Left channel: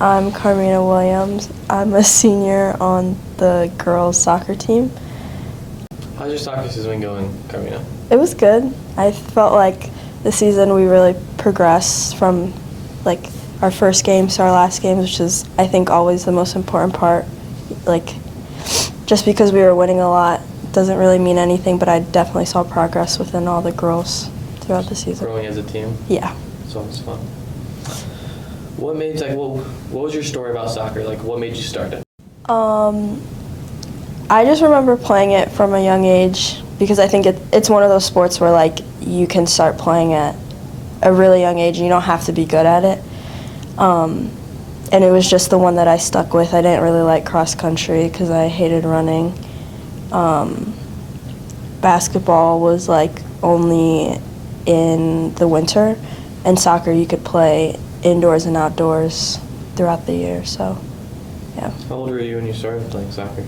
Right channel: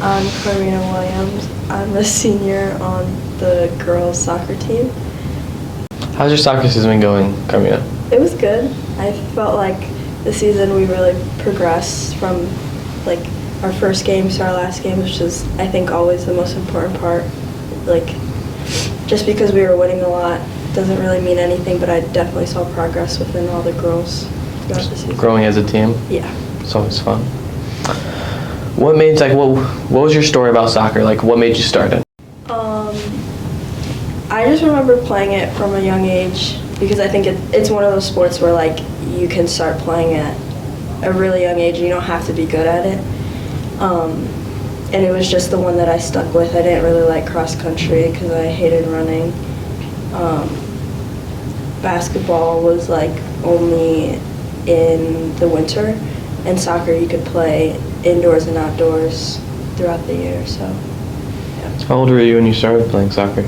I'm Carmina Williams. I'm a senior on the girls' soccer team. How's your soccer season been going, Carmina? It was good. I felt like this season we really progressed from like our first game to our last game, which is I think always the most important part. Like just because we were winning a lot doesn't really mean anything, but I definitely saw progress within all the girls throughout the season. Growing as a team? Yeah. It's always fun. What made what was your story about soccer? Like what made you start it? I just remember playing it from a young age because I think it's one of those sports where like you can start playing at a really young age and you don't have to be good at it. And it was just the one that I stuck with. I didn't really like cross country because I hated running. Basketball was like only in the winter, and soccer you could play indoors and outdoors throughout the year. So, yeah. How old were you when you started playing soccer?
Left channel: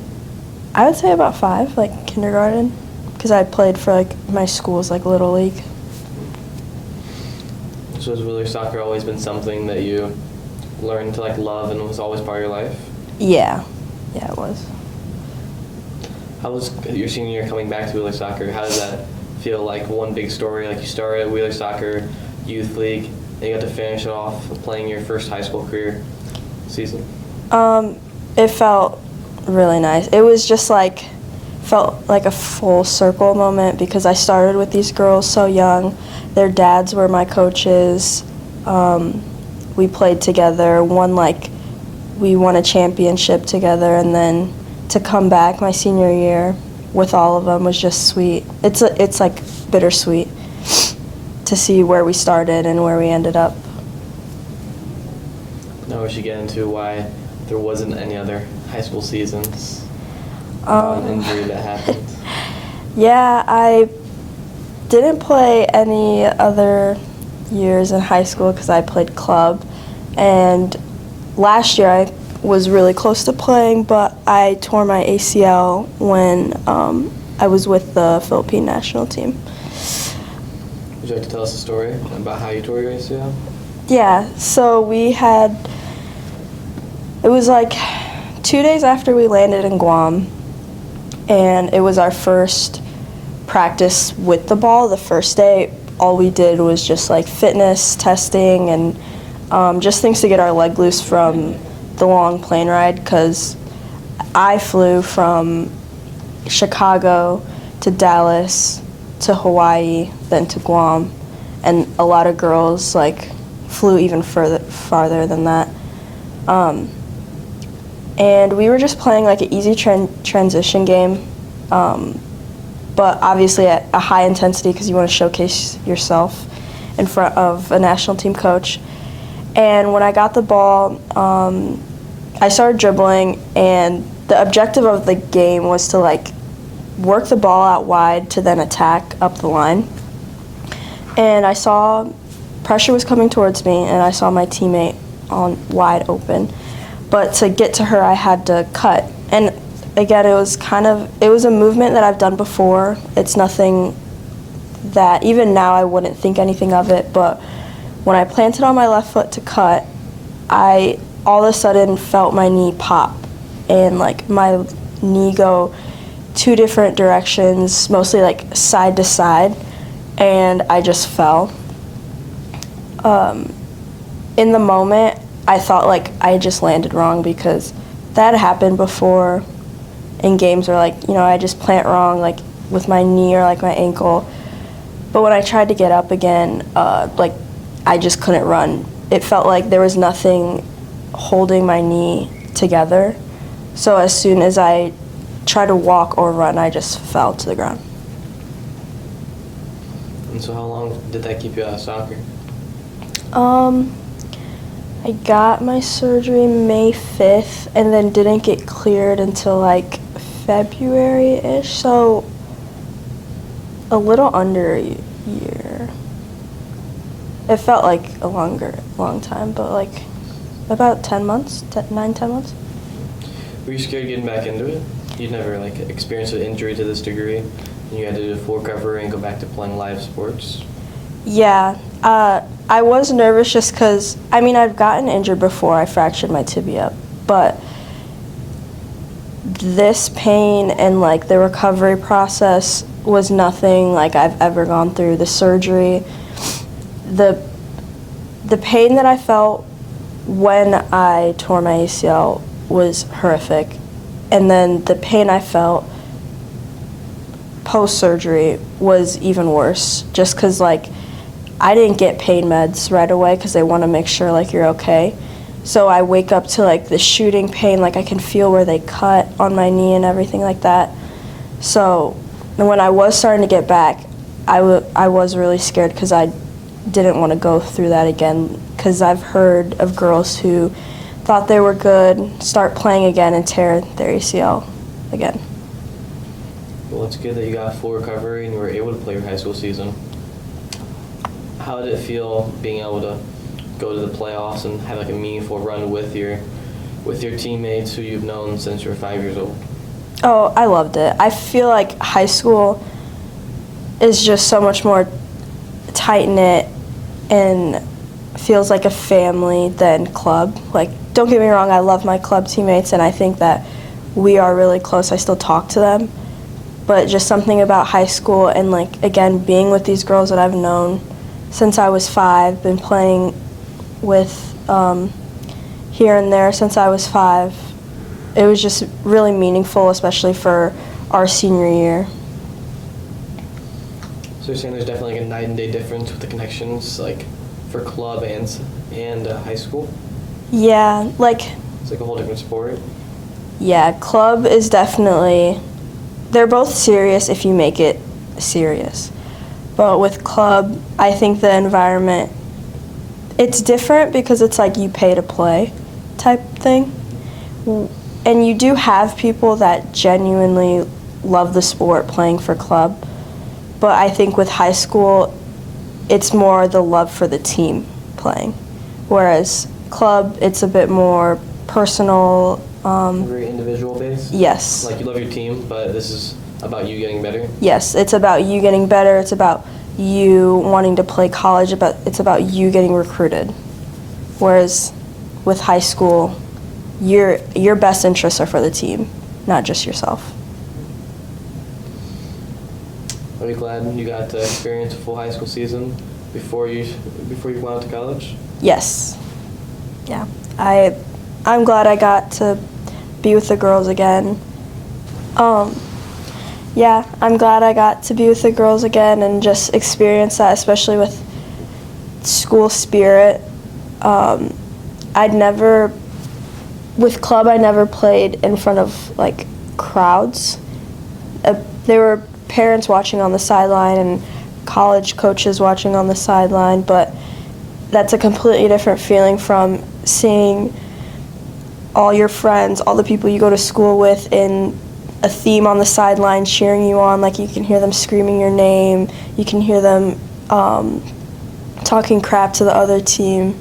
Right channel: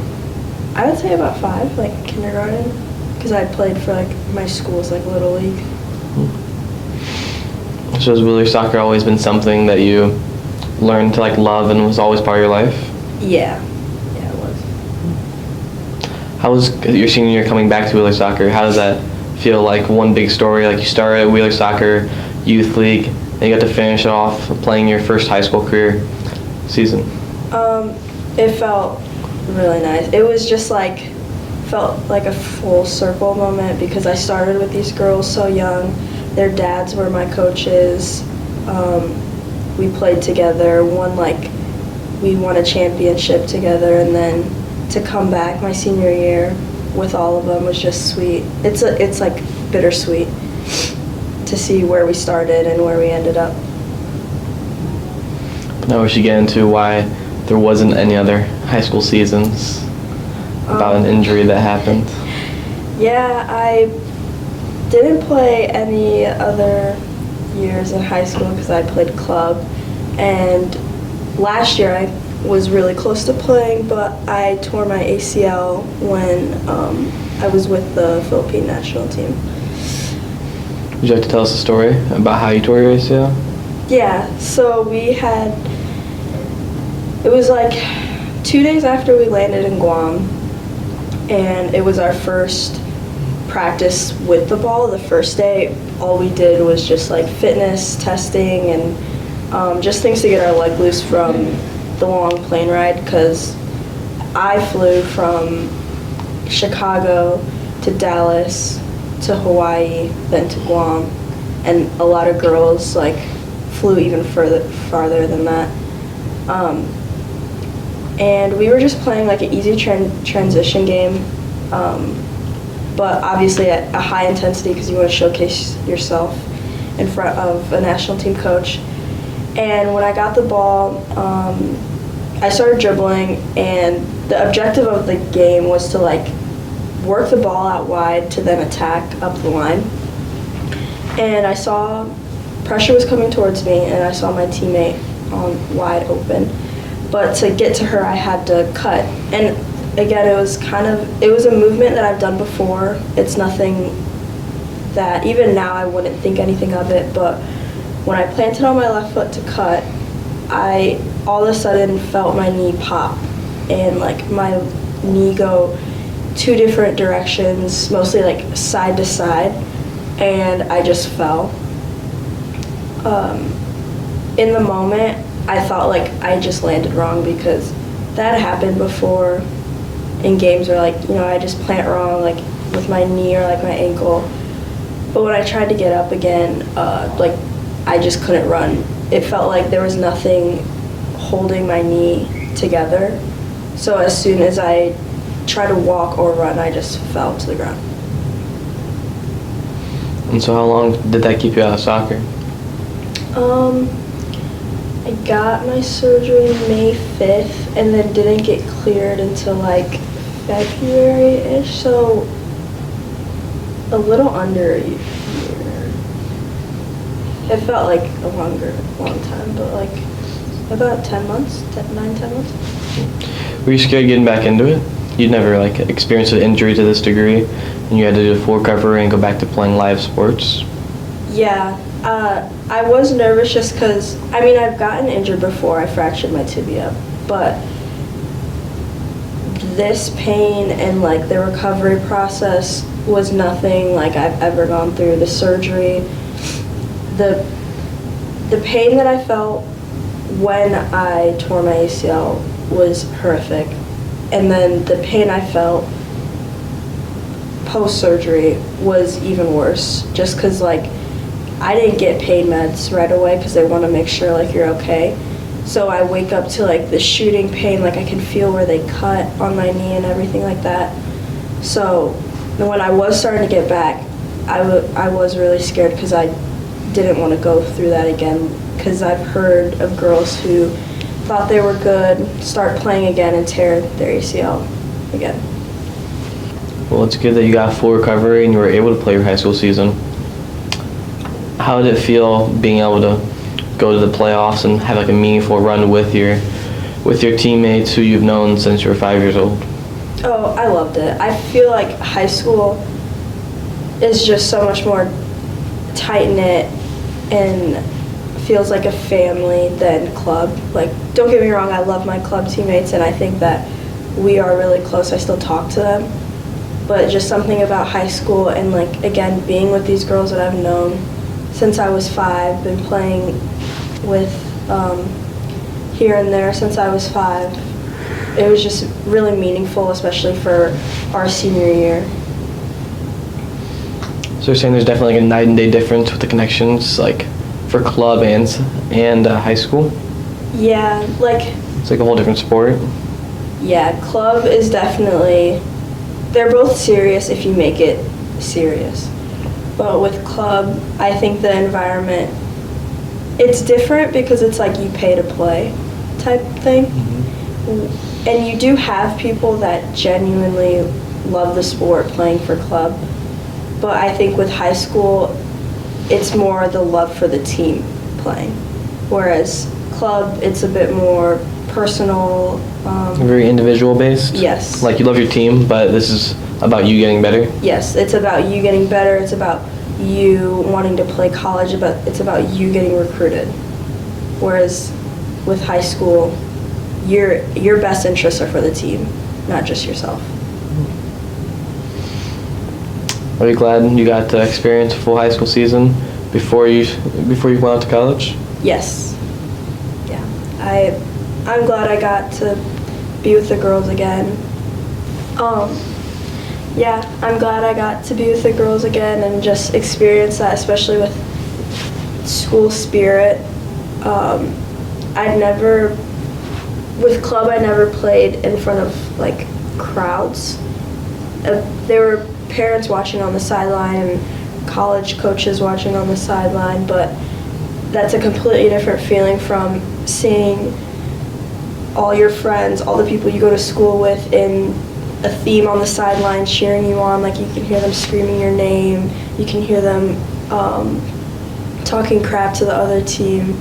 I would say about 5, like kindergarten, because I played for like my school's like little league. So has Wheeler soccer always been something that you learned to like love and was always part of your life? Yeah, it was. How was your senior year coming back to Wheeler soccer? How does that feel? Like one big story, like you started at Wheeler soccer youth league, and you got to finish off playing your first high school career season. It felt really nice. It was just like, felt like a full circle moment because I started with these girls so young. Their dads were my coaches. We played together, we won a championship together, and then to come back my senior year with all of them was just sweet. It's like bittersweet to see where we started and where we ended up. Now we should get into why there wasn't any other high school seasons, about an injury that happened. Yeah, I didn't play any other years in high school because I played club, and last year I was really close to playing, but I tore my ACL when I was with the Philippine national team. Would you like to tell us a story about how you tore your ACL? Yeah, so it was like 2 days after we landed in Guam, and it was our first practice with the ball. The first day, all we did was just like fitness testing and just things to get our leg loose from the long plane ride, because I flew from Chicago to Dallas to Hawaii, then to Guam, and a lot of girls like flew even farther than that. And we were just playing like an easy transition game, but obviously at a high intensity because you want to showcase yourself in front of a national team coach. And when I got the ball, I started dribbling, and the objective of the game was to like work the ball out wide to then attack up the line. And I saw pressure was coming towards me, and I saw my teammate on wide open. But to get to her, I had to cut. And again, it was a movement that I've done before. It's nothing that, even now, I wouldn't think anything of it. But when I planted on my left foot to cut, I all of a sudden felt my knee pop and like my knee go 2 different directions, mostly like side to side, and I just fell. In the moment, I thought like I just landed wrong because that happened before in games where like, I just plant wrong like with my knee or like my ankle. But when I tried to get up again, like I just couldn't run. It felt like there was nothing holding my knee together. So as soon as I tried to walk or run, I just fell to the ground. And so how long did that keep you out of soccer? I got my surgery May 5th and then didn't get cleared until like February-ish, so a little under a year. It felt like a long time, but like about 10 months, 10 months. Were you scared getting back into it? You'd never like experienced an injury to this degree, and you had to do a full recovery and go back to playing live sports? Yeah, I was nervous just because, I mean, I've gotten injured before. I fractured my tibia, but this pain and like the recovery process was nothing like I've ever gone through. The surgery, the pain that I felt when I tore my ACL was horrific, and then the pain I felt post-surgery was even worse, just because like I didn't get pain meds right away because they want to make sure like you're okay. So I wake up to like the shooting pain, like I can feel where they cut on my knee and everything like that. So when I was starting to get back, I was really scared because I didn't want to go through that again, because I've heard of girls who thought they were good, start playing again, and tear their ACL again. Well, it's good that you got full recovery and you were able to play your high school season. How did it feel being able to go to the playoffs and have like a meaningful run with your teammates who you've known since you were 5 years old? Oh, I loved it. I feel like high school is just so much more tight-knit and feels like a family than club. Like, don't get me wrong, I love my club teammates and I think that we are really close. I still talk to them. But just something about high school and like, again, being with these girls that I've known since I was 5, been playing with here and there since I was 5. It was just really meaningful, especially for our senior year. So you're saying there's definitely like a night and day difference with the connections, like for club and high school? Yeah, like... It's like a whole different sport? Yeah, club is definitely... They're both serious if you make it serious. But with club, I think the environment, it's different because it's like you pay to play type thing. Mm-hmm. And you do have people that genuinely love the sport playing for club. But I think with high school, it's more the love for the team playing. Whereas club, it's a bit more personal. Very individual based? Yes. Like you love your team, but this is about you getting better? Yes, it's about you getting better. It's about you wanting to play college. It's about you getting recruited. Whereas with high school, your best interests are for the team, not just yourself. Are you glad you got to experience a full high school season before you went out to college? Yes. Yeah. I'm glad I got to be with the girls again. Yeah, I'm glad I got to be with the girls again and just experience that, especially with school spirit. With club, I never played in front of like crowds. There were parents watching on the sideline and college coaches watching on the sideline, but that's a completely different feeling from seeing all your friends, all the people you go to school with in a theme on the sideline cheering you on. Like you can hear them screaming your name, you can hear them talking crap to the other team.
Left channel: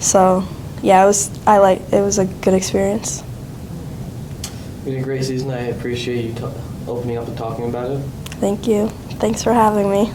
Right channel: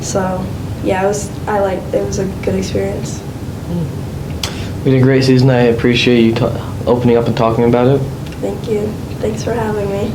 So yeah, it was a good experience. We had a great season. I appreciate you opening up and talking about it. Thank you. Thanks for having me.